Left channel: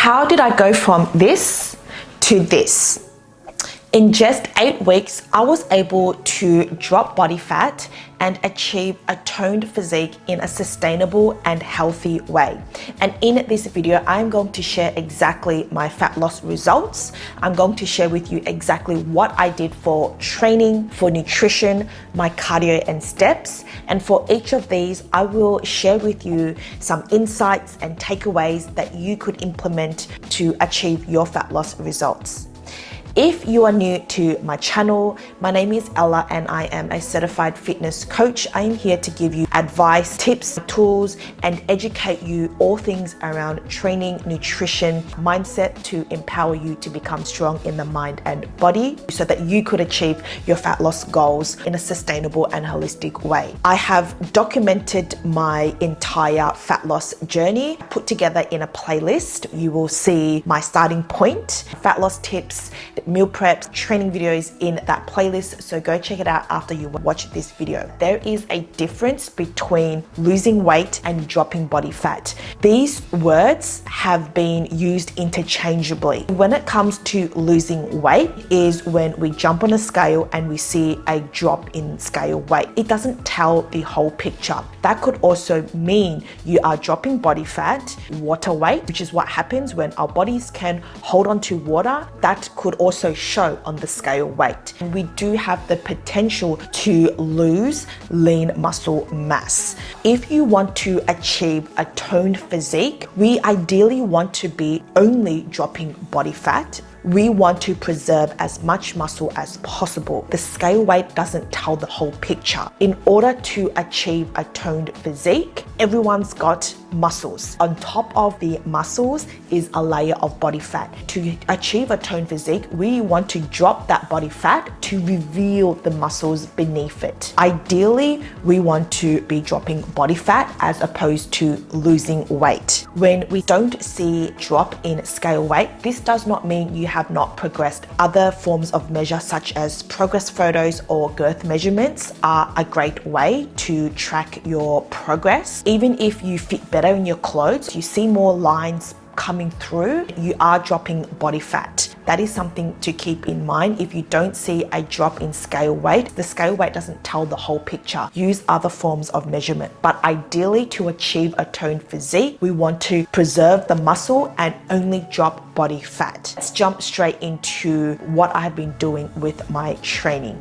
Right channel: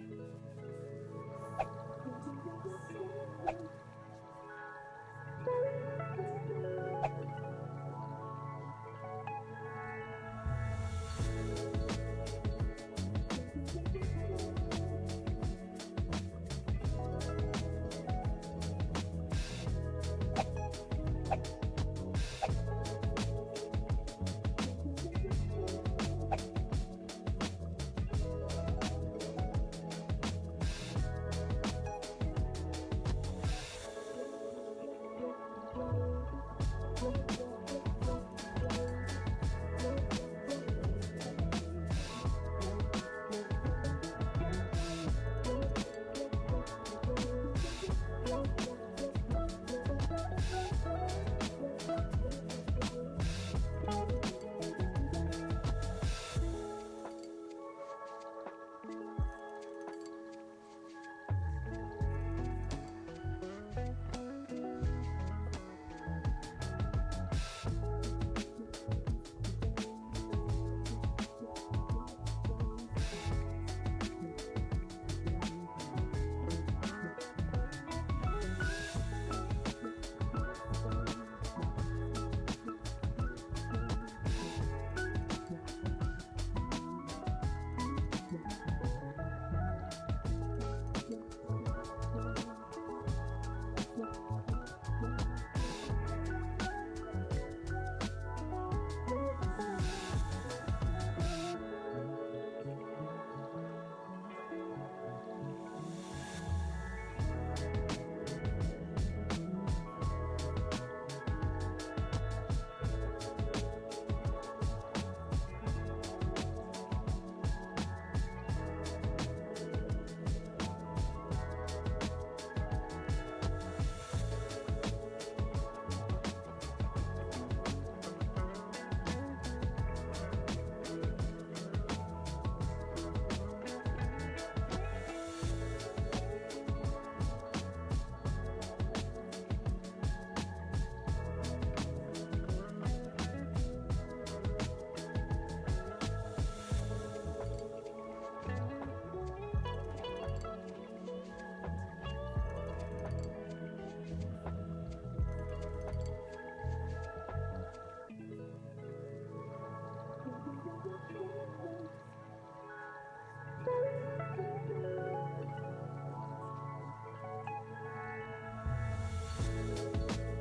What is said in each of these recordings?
how did I go from this to this? In just 8 weeks, I was able to drop body fat and achieve a toned physique in a sustainable and healthy way. And in this video, I'm going to share exactly my fat loss results. I'm going to share with you exactly what I did for training, for nutrition, my cardio and steps. And for each of these, I will share with you some insights and takeaways that you could implement to achieve your fat loss results. If you are new to my channel, my name is Ella and I am a certified fitness coach. I am here to give you advice, tips, tools, and educate you all things around training, nutrition, mindset to empower you to become strong in the mind and body so that you could achieve your fat loss goals in a sustainable and holistic way. I have documented my entire fat loss journey put together in a playlist. You will see my starting point, fat loss tips, meal preps, training videos in that playlist, so go check it out after you watch this video. There is a difference between losing weight and dropping body fat. These words have been used interchangeably. When it comes to losing weight is when we jump on a scale and we see a drop in scale weight. It doesn't tell the whole picture. That could also mean you are dropping body fat, water weight, which is what happens when our bodies can hold on to water. That could also show on the scale weight. We do have the potential to lose lean muscle mass. If you want to achieve a toned physique, we ideally want to be only dropping body fat. We want to preserve as much muscle as possible. The scale weight doesn't tell the whole picture. In order to achieve a toned physique, everyone's got muscles. On top of the muscles is a layer of body fat. To achieve a toned physique, we want to drop that body fat to reveal the muscles beneath it. Ideally, we want to be dropping body fat as opposed to losing weight. When we don't see drop in scale weight, this does not mean you have not progressed. Other forms of measure such as progress photos or girth measurements are a great way to track your progress. Even if you fit better in your clothes, you see more lines coming through, you are dropping body fat. That is something to keep in mind. If you don't see a drop in scale weight, the scale weight doesn't tell the whole picture. Use other forms of measurement. But ideally, to achieve a toned physique, we want to preserve the muscle and only drop body fat. Let's jump straight into what I have been doing with my training.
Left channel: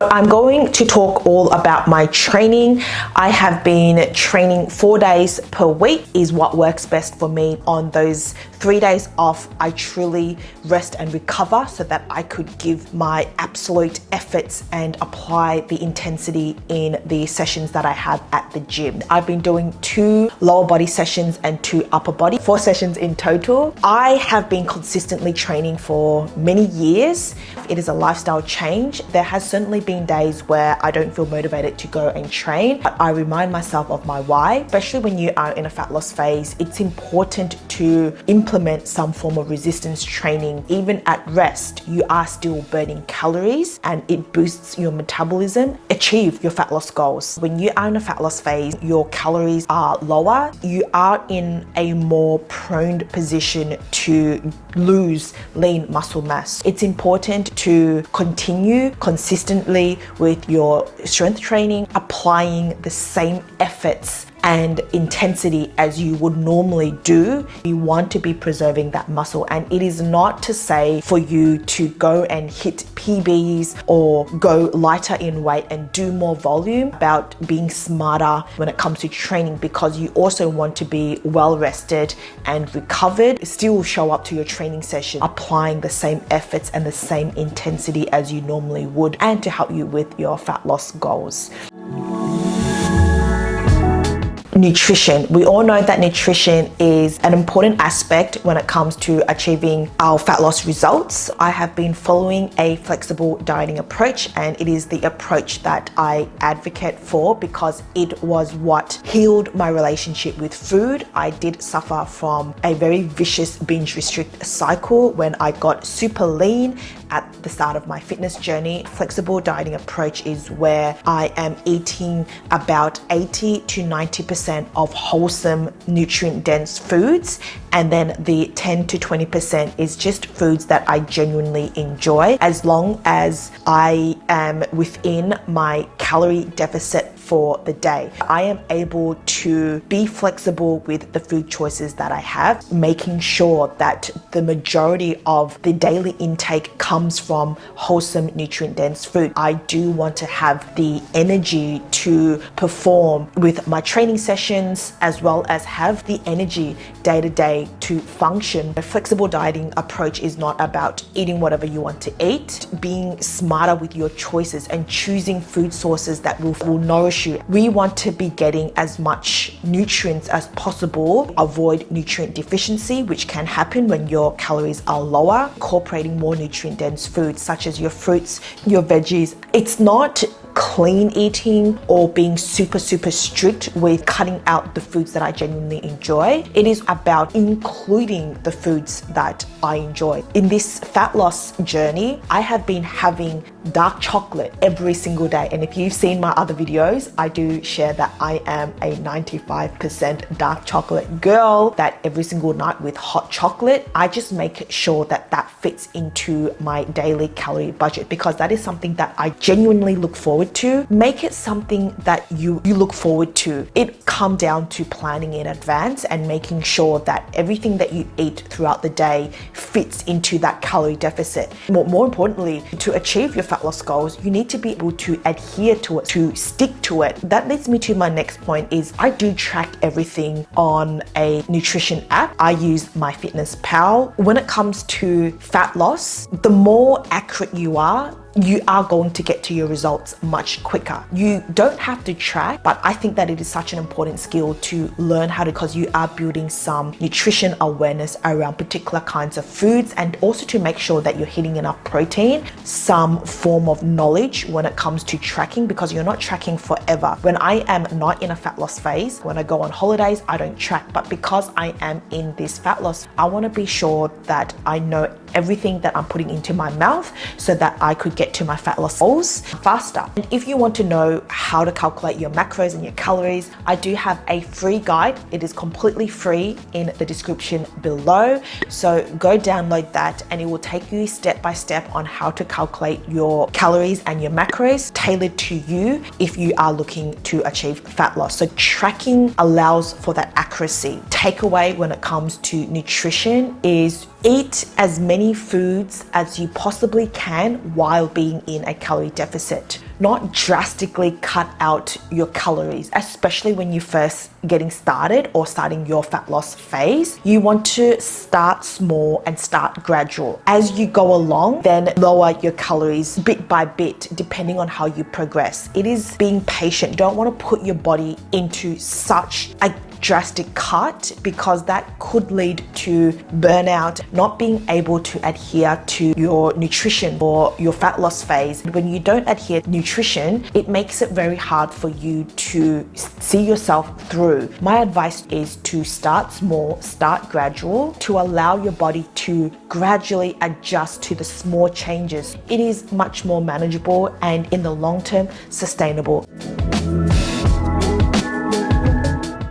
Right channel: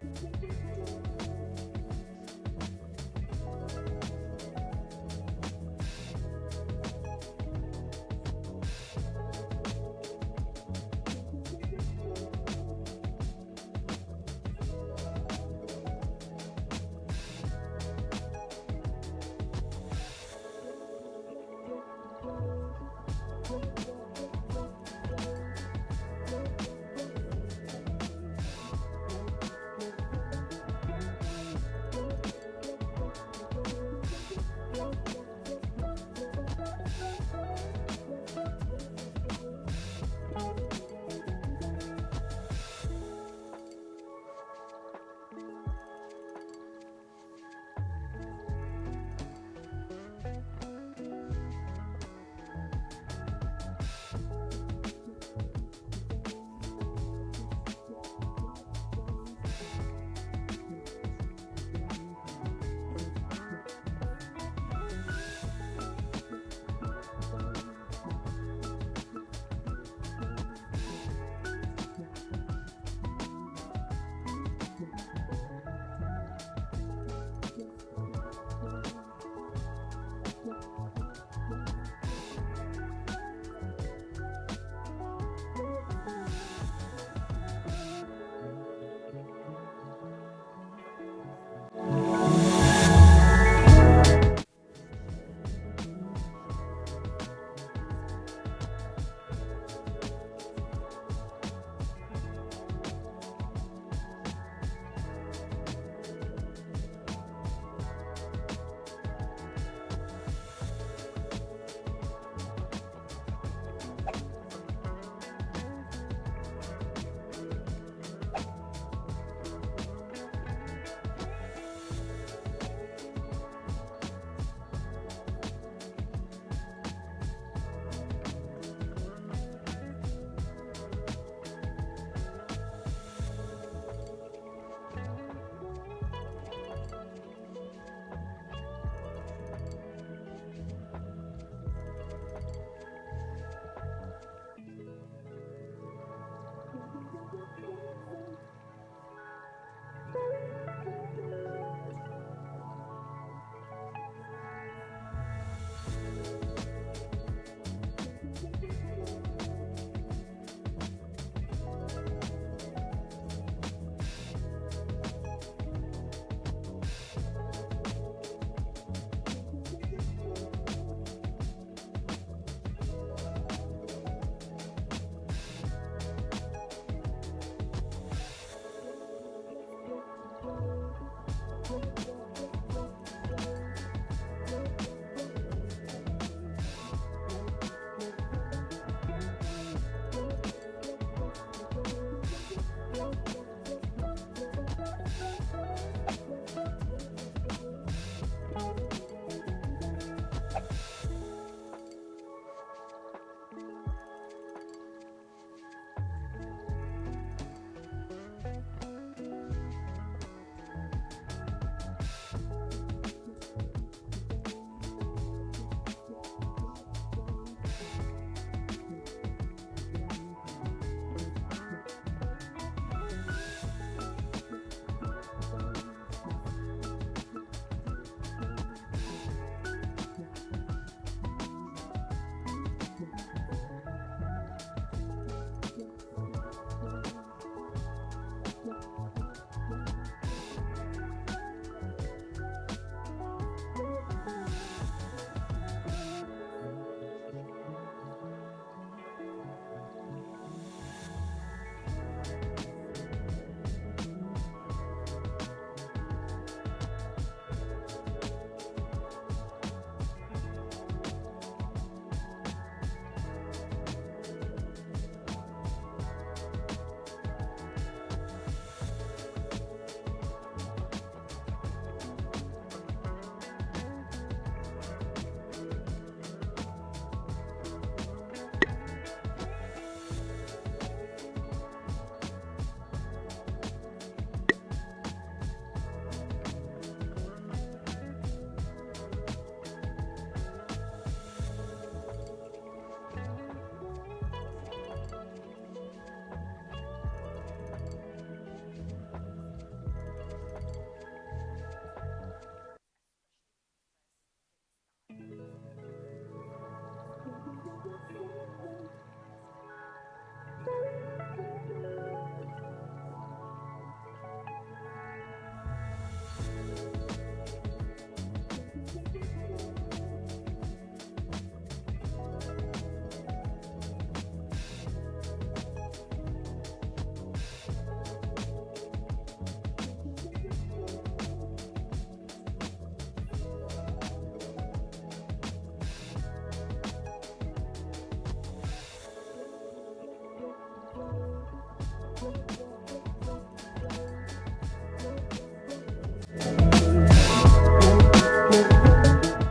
I'm going to talk all about my training. I have been training 4 days per week is what works best for me. On those 3 days off, I truly rest and recover so that I could give my absolute efforts and apply the intensity in the sessions that I have at the gym. I've been doing 2 lower body sessions and 2 upper body, 4 sessions in total. I have been consistently training for many years. It is a lifestyle change. There has certainly been days where I don't feel motivated to go and train, but I remind myself of my why. Especially when you are in a fat loss phase, it's important to implement some form of resistance training. Even at rest, you are still burning calories and it boosts your metabolism. Achieve your fat loss goals. When you are in a fat loss phase, your calories are lower. You are in a more prone position to lose lean muscle mass. It's important to continue consistently with your strength training, applying the same efforts and intensity as you would normally do. You want to be preserving that muscle, and it is not to say for you to go and hit PBs or go lighter in weight and do more volume. About being smarter when it comes to training, because you also want to be well rested and recovered. Still show up to your training session applying the same efforts and the same intensity as you normally would, and to help you with your fat loss goals. Nutrition. We all know that nutrition is an important aspect when it comes to achieving our fat loss results. I have been following a flexible dieting approach, and it is the approach that I advocate for because it was what healed my relationship with food. I did suffer from a very vicious binge restrict cycle when I got super lean at the start of my fitness journey. Flexible dieting approach is where I am eating about 80 to 90% 80% of wholesome, nutrient-dense foods, and then the 10 to 20% is just foods that I genuinely enjoy, as long as I am within my calorie deficit for the day. I am able to be flexible with the food choices that I have, making sure that the majority of the daily intake comes from wholesome, nutrient-dense food. I do want to have the energy to perform with my training sessions, as well as have the energy day to day to function. A flexible dieting approach is not about eating whatever you want to eat, being smarter with your choices and choosing food sources that will nourish you. We want to be getting as much nutrients as possible, avoid nutrient deficiency, which can happen when your calories are lower, incorporating more nutrient dense foods such as your fruits, your veggies. It's not clean eating or being super strict with cutting out the foods that I genuinely enjoy. It is about including the foods that I enjoy. In this fat loss journey, I have been having dark chocolate every single day, and if you've seen my other videos, I do share that I am a 95% dark chocolate girl, that every single night with hot chocolate. I just make sure that that fits into my daily calorie budget, because that is something that I genuinely look forward to. Make it something that you look forward to. It comes down to planning in advance and making sure that everything that you eat throughout the day fits into that calorie deficit. More importantly, to achieve your fat loss goals, you need to be able to adhere to it, to stick to it. That leads me to my next point is I do track everything on a nutrition app. I use 𝗪𝗧𝗧𝗧𝗏. When it comes to fat loss, the more accurate you are going to get to your results much quicker. You don't have to track, but I think that it is such an important skill to learn how to, because you are building some nutrition awareness around particular kinds of foods, and also to make sure that you're hitting enough protein, some form of knowledge when it comes to tracking, because you're not tracking forever. When I am not in a fat loss phase, when I go on holidays, I don't track, but because I am in this fat loss, I want to be sure that I know everything that I'm putting into my mouth so that I could get to my fat loss goals faster. And if you want to know how to calculate your macros and your calories, I do have a free guide. It is completely free in the description below. So go download that and it will take you step by step on how to calculate your calories and your macros tailored to you if you are looking to achieve fat loss. So tracking allows for that accuracy. Takeaway when it comes to nutrition is eat as many foods as you possibly can while being in a calorie deficit. Not drastically cut out your calories, especially when you're first getting started or starting your fat loss phase. You want to start small and start gradual. As you go along, then lower your calories bit by bit, depending on how you progress. It is being patient. You don't want to put your body into such a drastic cut, because that could lead to burnout, not being able to adhere to your nutrition or your fat loss phase. When you don't adhere to nutrition, it makes it very hard for you to see yourself through. My advice is to start small, start gradual, to allow your body to gradually adjust to the small changes. It is much more manageable and in the long term sustainable.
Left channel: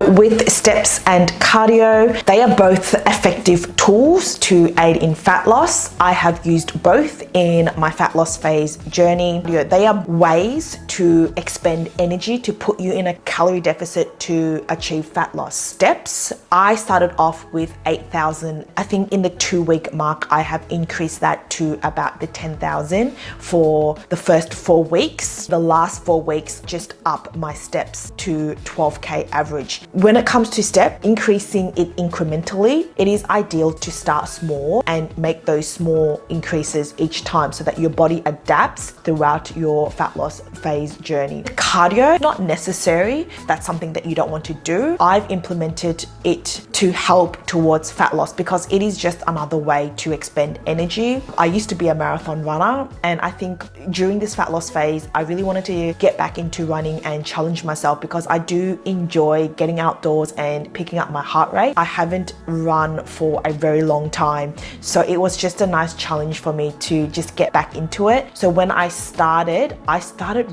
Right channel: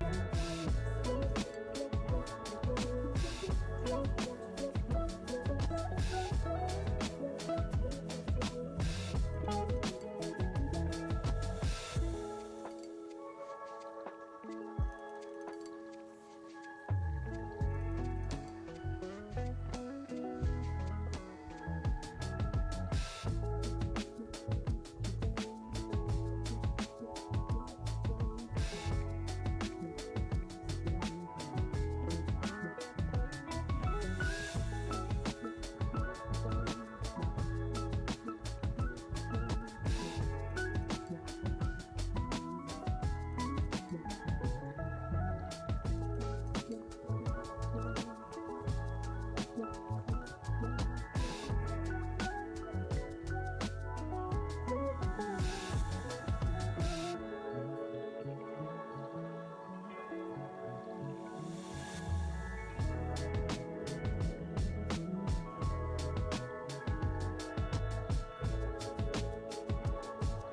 With steps and cardio, they are both effective tools to aid in fat loss. I have used both in my fat loss phase journey. They are ways to expend energy to put you in a calorie deficit to achieve fat loss. Steps, I started off with 8,000. I think in the 2-week mark, I have increased that to about the 10,000 for the first 4 weeks. The last 4 weeks, just up my steps to 12K average. When it comes to step, increasing it incrementally, it is ideal to start small and make those small increases each time so that your body adapts throughout your fat loss phase journey. Cardio, not necessary. That's something that you don't want to do. I've implemented it to help towards fat loss because it is just another way to expend energy. I used to be a marathon runner, and I think during this fat loss phase, I really wanted to get back into running and challenge myself because I do enjoy getting out outdoors and picking up my heart rate. I haven't run for a very long time, so it was just a nice challenge for me to just get back into it. So when I started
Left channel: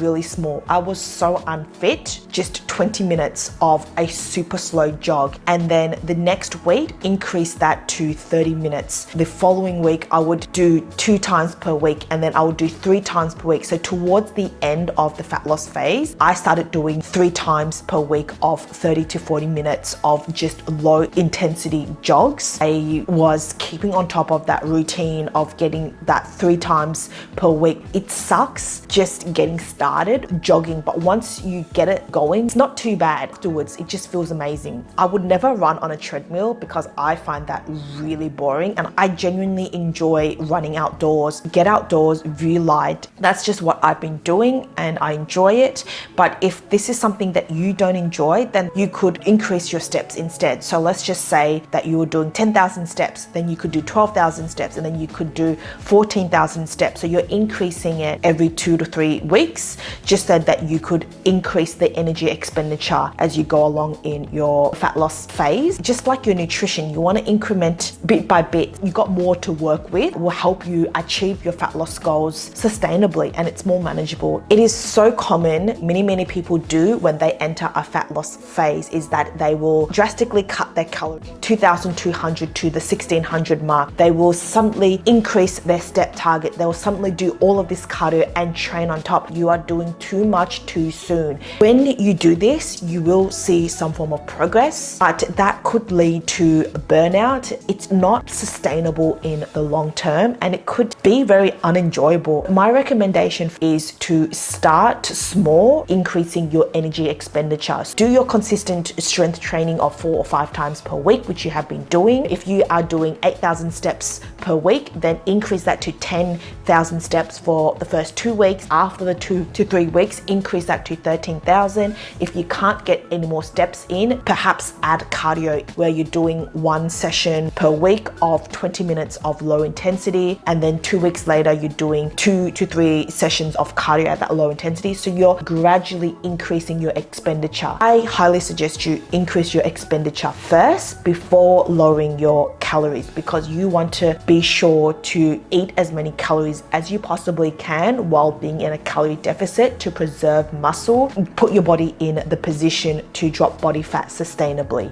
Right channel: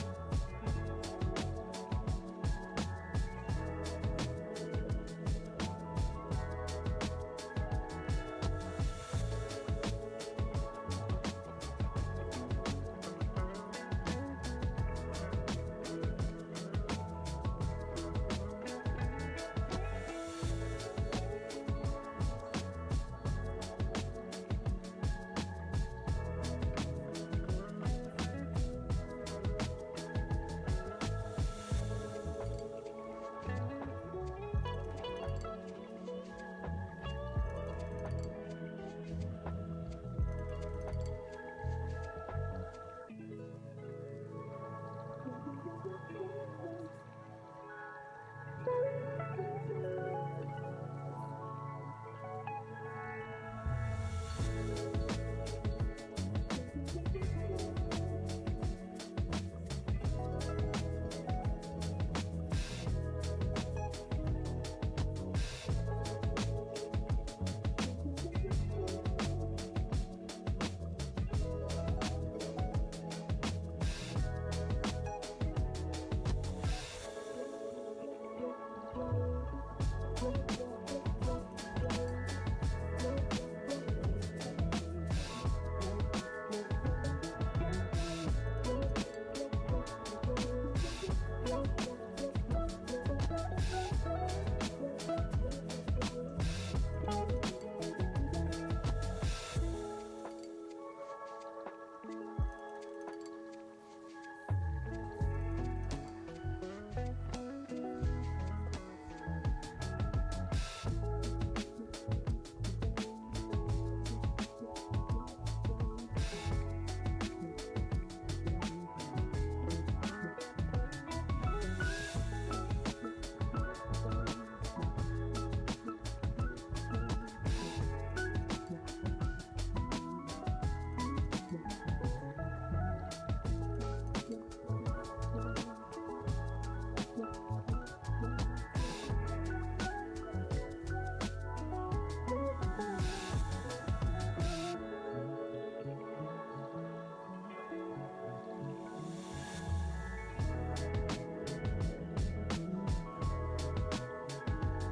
really small. I was so unfit, just 20 minutes of a super slow jog, and then the next week increased that to 30 minutes. The following week I would do 2 times per week, and then I would do 3 times per week. So towards the end of the fat loss phase, I started doing 3 times per week of 30 to 40 minutes of just low intensity jogs. I was keeping on top of that routine of getting that 3 times per week. It sucks just getting started jogging, but once you get it going, it's not too bad. Afterwards, it just feels amazing. I would never run on a treadmill because I find that really boring, and I genuinely enjoy running outdoors. Get outdoors, view light. That's just what I've been doing and I enjoy it. But if this is something that you don't enjoy, then you could increase your steps instead. So let's just say that you were doing 10,000 steps, then you could do 12,000 steps, and then you could do 14,000 steps. So you're increasing it every 2 to 3 weeks, just so that you could increase the energy expenditure as you go along in your fat loss phase. Just like your nutrition, you want to increment bit by bit. You've got more to work with. It will help you achieve your fat loss goals sustainably, and it's more manageable. It is so common, many people do when they enter a fat loss phase, is that they will drastically cut their calories, 2,200 to the 1,600 mark. They will suddenly increase their step target. They will suddenly do all of this cardio and train on top. You are doing too much too soon. When you do this, you will see some form of progress, but that could lead to burnout. It's not sustainable in the long term, and it could be very unenjoyable. My recommendation is to start small, increasing your energy expenditure. Do your consistent strength training of 4 or 5 times per week, which you have been doing. If you are doing 8,000 steps per week, then increase that to 10,000 steps for the first 2 weeks. After the 2 to 3 weeks, increase that to 13,000. If you can't get any more steps in, perhaps add cardio, where you're doing 1 session per week of 20 minutes of low intensity, and then 2 weeks later you're doing 2 to 3 sessions of cardio at that low intensity. So you're gradually increasing your expenditure. I highly suggest you increase your expenditure first before lowering your calories, because you want to be sure to eat as many calories as you possibly can while being in a calorie deficit to preserve muscle, put your body in the position to drop body fat sustainably.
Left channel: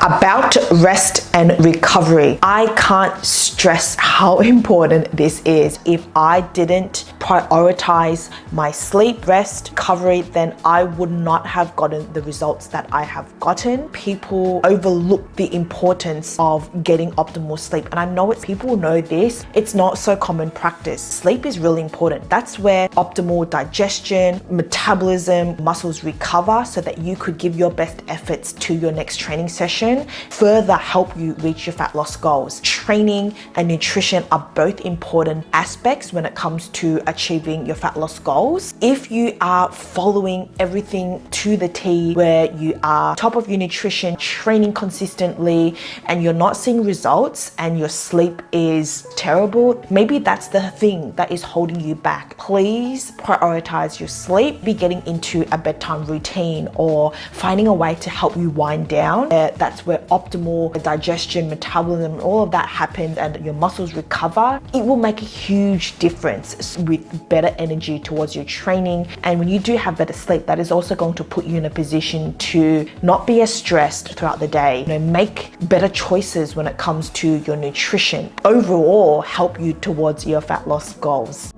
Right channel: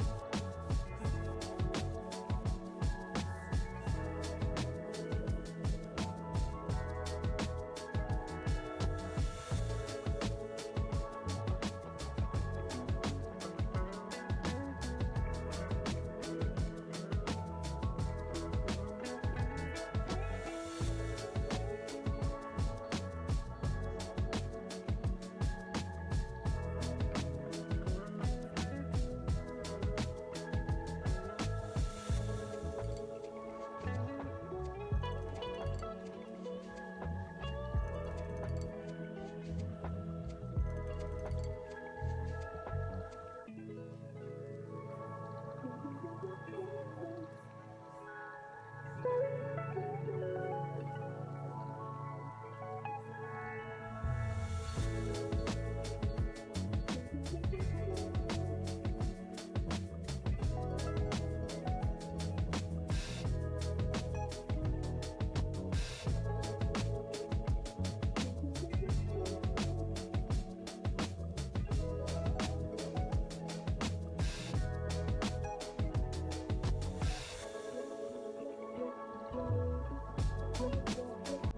About rest and recovery. I can't stress how important this is. If I didn't prioritize my sleep, rest, recovery, then I would not have gotten the results that I have gotten. People overlook the importance of getting optimal sleep, and I know people know this. It's not so common practice. Sleep is really important. That's where optimal digestion, metabolism, muscles recover, so that you could give your best efforts to your next training session, further help you reach your fat loss goals. Training and nutrition are both important aspects when it comes to achieving your fat loss goals. If you are following everything to the T, where you are top of your nutrition, training consistently, and you're not seeing results, and your sleep is terrible, maybe that's the thing that is holding you back. Please prioritize your sleep. Be getting into a bedtime routine, or finding a way to help you wind down. That's where optimal digestion, metabolism, all of that happens, and your muscles recover. It will make a huge difference with better energy towards your training. And when you do have better sleep, that is also going to put you in a position to not be as stressed throughout the day. Make better choices when it comes to your nutrition. Overall, help you towards your fat loss goals.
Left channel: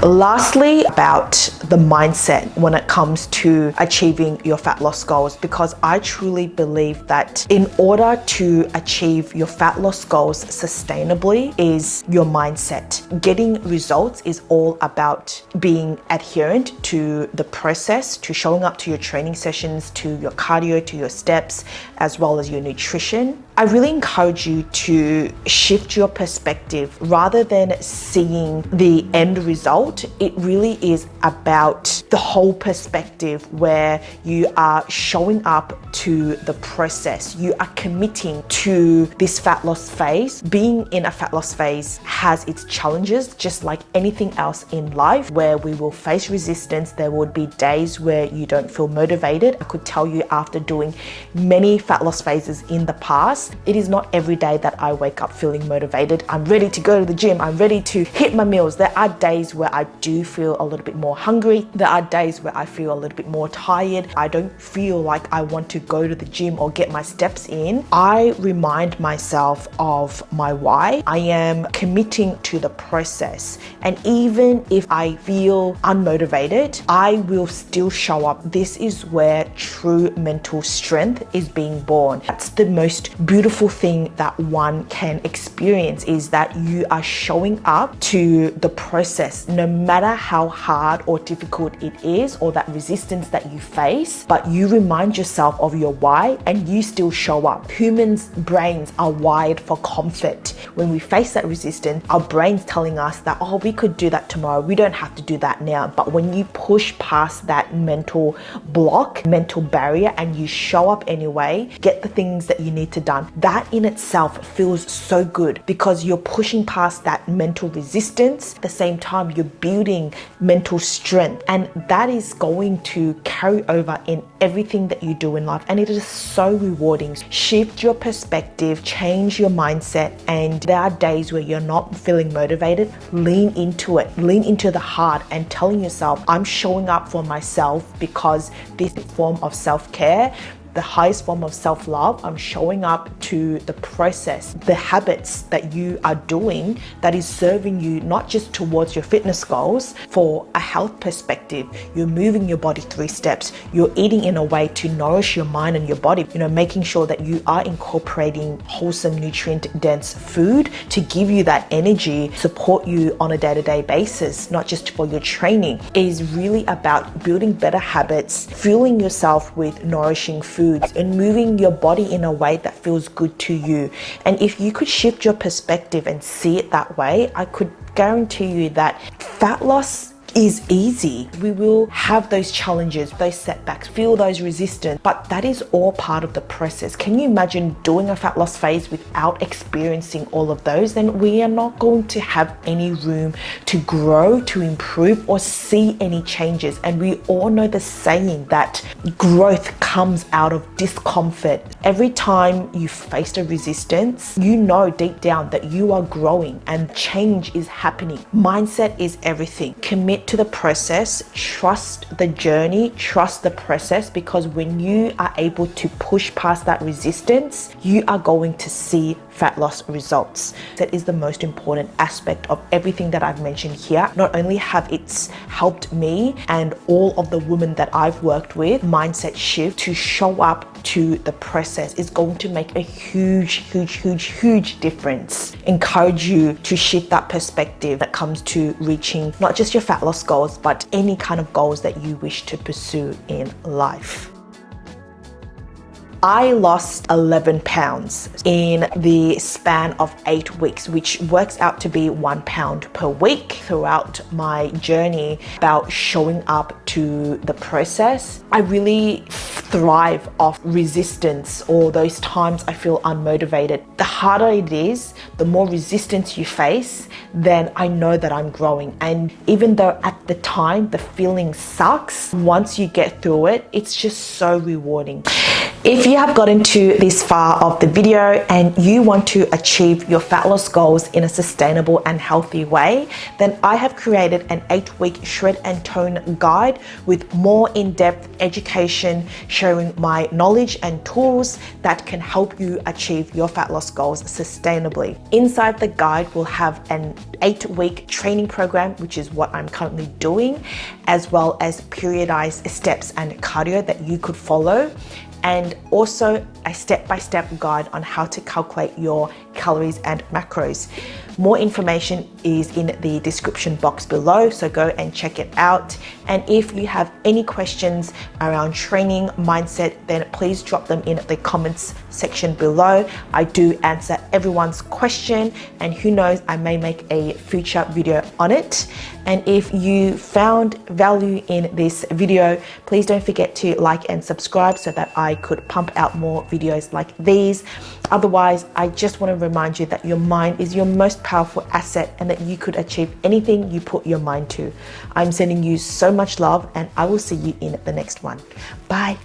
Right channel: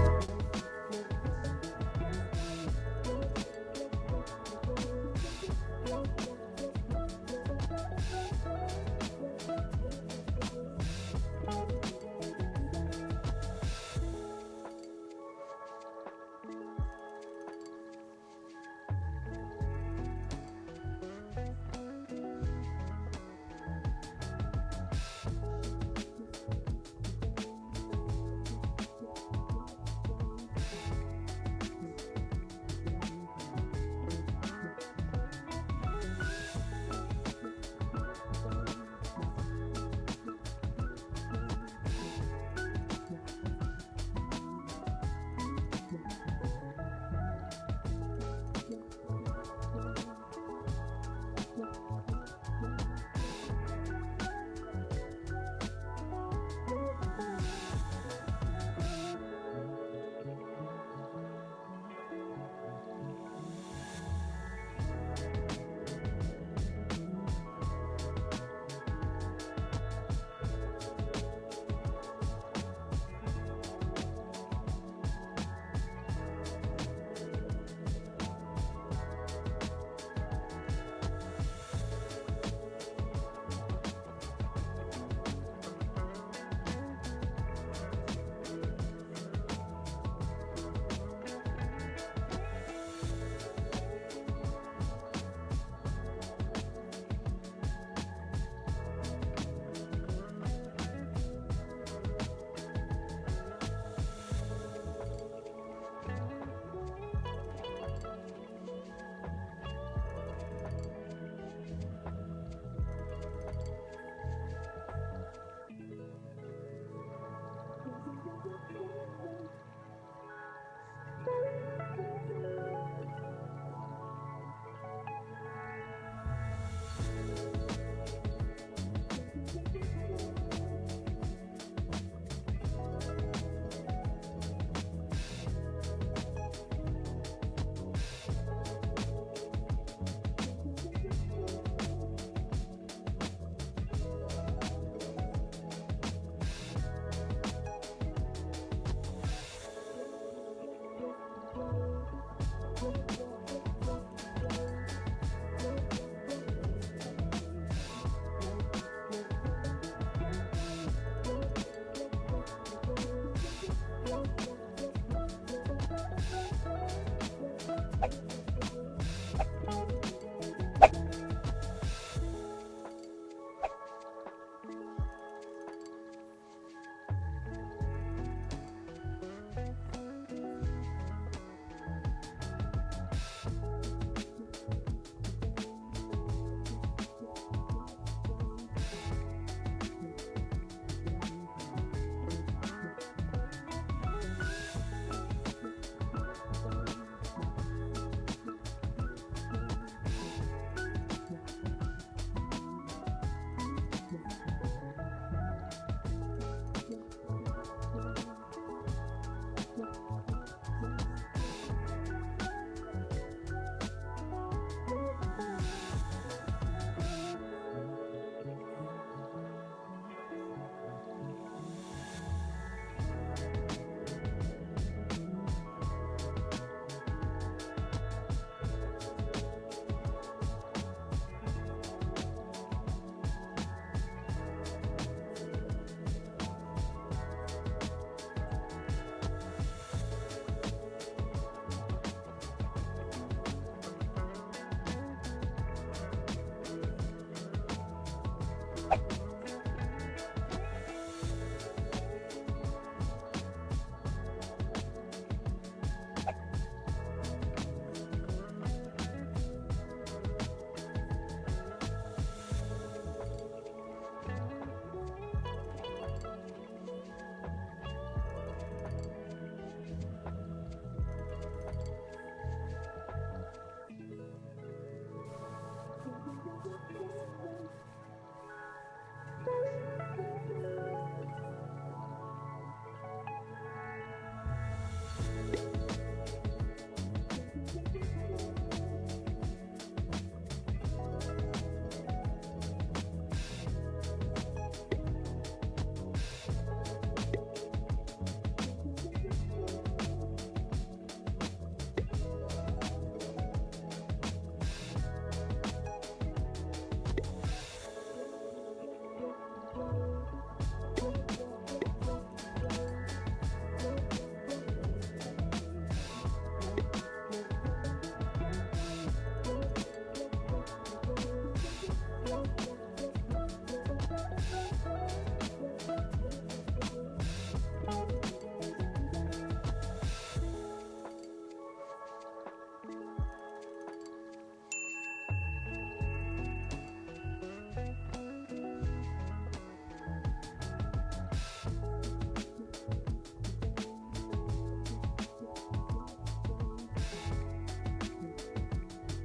Lastly, about the mindset when it comes to achieving your fat loss goals, because I truly believe that in order to achieve your fat loss goals sustainably is your mindset. Getting results is all about being adherent to the process, to showing up to your training sessions, to your cardio, to your steps, as well as your nutrition. I really encourage you to shift your perspective. Rather than seeing the end result, it really is about about the whole perspective where you are showing up to the process. You are committing to this fat loss phase. Being in a fat loss phase has its challenges, just like anything else in life, where we will face resistance. There would be days where you don't feel motivated. I could tell you, after doing many fat loss phases in the past, it is not every day that I wake up feeling motivated. I'm ready to go to the gym. I'm ready to hit my meals. There are days where I do feel a little bit more hungry. There are days where I feel a little bit more tired. I don't feel like I want to go to the gym or get my steps in. I remind myself of my why. I am committing to the process. And even if I feel unmotivated, I will still show up. This is where true mental strength is being born. That's the most beautiful thing that one can experience, is that you are showing up to the process, no matter how hard or difficult it is, or that resistance that you face, but you remind yourself of your why and you still show up. Humans' brains are wired for comfort. When we face that resistance, our brain's telling us that, oh, we could do that tomorrow. We don't have to do that now. But when you push past that mental block, mental barrier, and you show up anyway, get the things that you need to done, that in itself feels so good, because you're pushing past that mental resistance. At the same time, you're building mental strength, and that is going to carry over in everything that you do in life, and it is so rewarding. Shift your perspective, change your mindset, and there are days where you're not feeling motivated. Lean into it, lean into the hard, and telling yourself, I'm showing up for myself, because this form of self-care, the highest form of self-love, I'm showing up to the process, the habits that you are doing that is serving you not just towards your fitness goals. For a health perspective, you're moving your body 3 steps. You're eating in a way to nourish your mind and your body, making sure that you are incorporating wholesome, nutrient-dense food to give you that energy, support you on a day-to-day basis, not just for your training. It is really about building better habits, fueling yourself with nourishing foods, and moving your body in a way that feels good to you. And if you could shift your perspective and see it that way, I could guarantee you that fat loss is easy. We will have those challenges, those setbacks, feel those resistance, but that is all part of the process. Can you imagine doing a fat loss phase without experiencing all of those? Then we are not going to have any room to grow, to improve, or see any changes. And we all know the saying that growth comes out of discomfort. Every time you face a resistance, you know deep down that you are growing and change is happening. Mindset is everything. Commit to the process, trust the journey, trust the process, because when you are able to push past that resistance, you are going to see fat loss results. That is the most important aspect of everything that I've mentioned here. Not only have it helped me and all of the women that I've worked with, mindset shift to show up to the process is going to make a huge difference. Encourage you to shift that perspective that comes to reaching not just your fat loss goals, but any kind of goals that you wish to pursue in life. I lost 11 pounds in the span of 8 weeks, which works out to be 1 pound per week. Throughout my journey about showing up to the process, I really thrive off resistance, or those times I feel unmotivated. The harder it is, the more resistance you face, then I know that I'm growing. And even though at the time the feeling sucks, once you get through it, it's just so rewarding. If you have gotten to this far of the video and you want to achieve your fat loss goals in a sustainable and healthy way, then I have created an 8-week shred and tone guide with more in-depth education, sharing my knowledge and tools that can help you achieve your fat loss goals sustainably. Inside the guide, we'll have an 8-week training program, which is what I'm currently doing, as well as periodized steps and cardio that you could follow, and also a step-by-step guide on how to calculate your calories and macros. More information is in the description box below, so go and check it out. And if you have any questions around training, mindset, then please drop them in the comments section below. I do answer everyone's question, and who knows, I may make a future video on it. And if you found value in this video, please don't forget to like and subscribe so that I could pump out more videos like these. Otherwise, I just want to remind you that your mind is your most powerful asset and that you could achieve anything you put your mind to. I'm sending you so much love, and I will see you in the next one. Bye.